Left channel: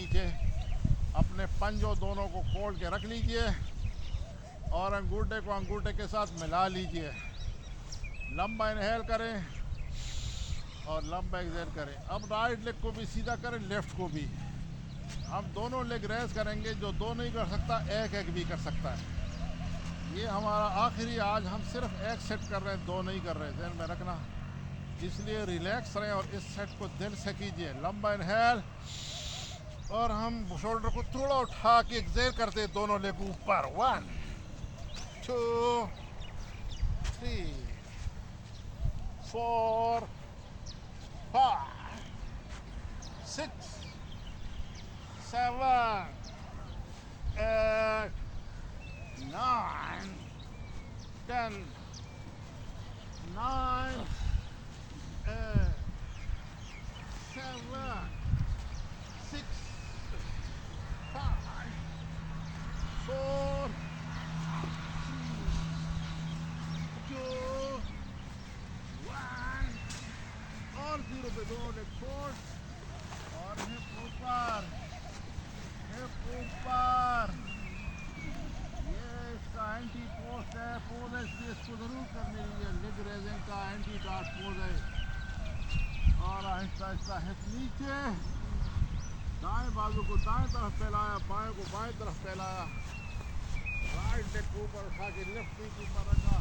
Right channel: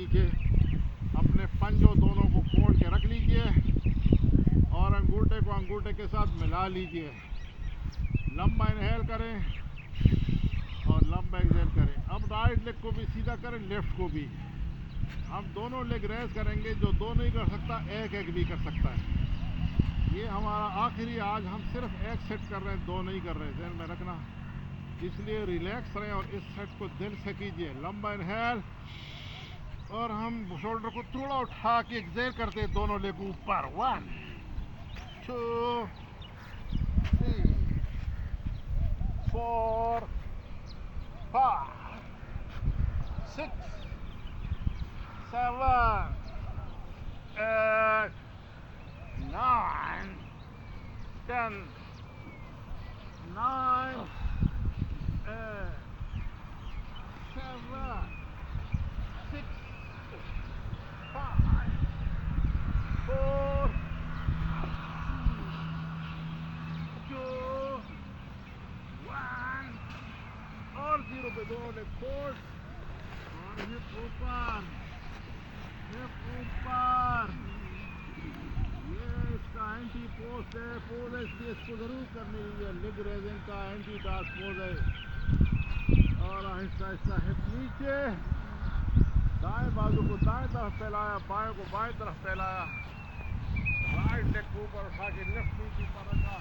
नीचे अपने पंजों दोनों को खोल के रख लीजिए और अंगूठे को अंगूठे के साथ मिला लीजिए। लंबा इनहेल करें और लंबा एक्सहेल करें। अब राइट लेग को भी सीधा करें, लेफ्ट को भी। हम दोनों लेग रेस करेंगे। जो दो नहीं कर सकता एक एक भी कर सकता है। ये हमारा आखिरी, आज हम सिर्फ एक सेट कर रहे हैं, दो नहीं कर रहे, ध्यान में रखना। इसलिए रिलैक्स रहें और इस सेट को दिल से कीजिए। लंबा इनहेल और हम शोल्डर को थोड़ा उठा के एक्सहेल करते हैं, दोनों लेग ऊपर। 1 2 3 4 5 6 7 8 9 10 9 8 7 6 5 4 2 1 और 0 पे दोनों लेग खोल और हिप ऊपर, ये इसका एंटी पोज है। पोज है इसलिए इसको जरूर करने लीजिए। लेग रेजिंग का एंटी डार्ट पोज है। और आहिस्ता आहिस्ता हिप नीचे, दाएं बाजू को दाएं तरफ फैलाया, बाएं को बाएं तरफ फैलाया, राइट लेग को ऊपर उठा के लेफ्ट नी के ऊपर रखा।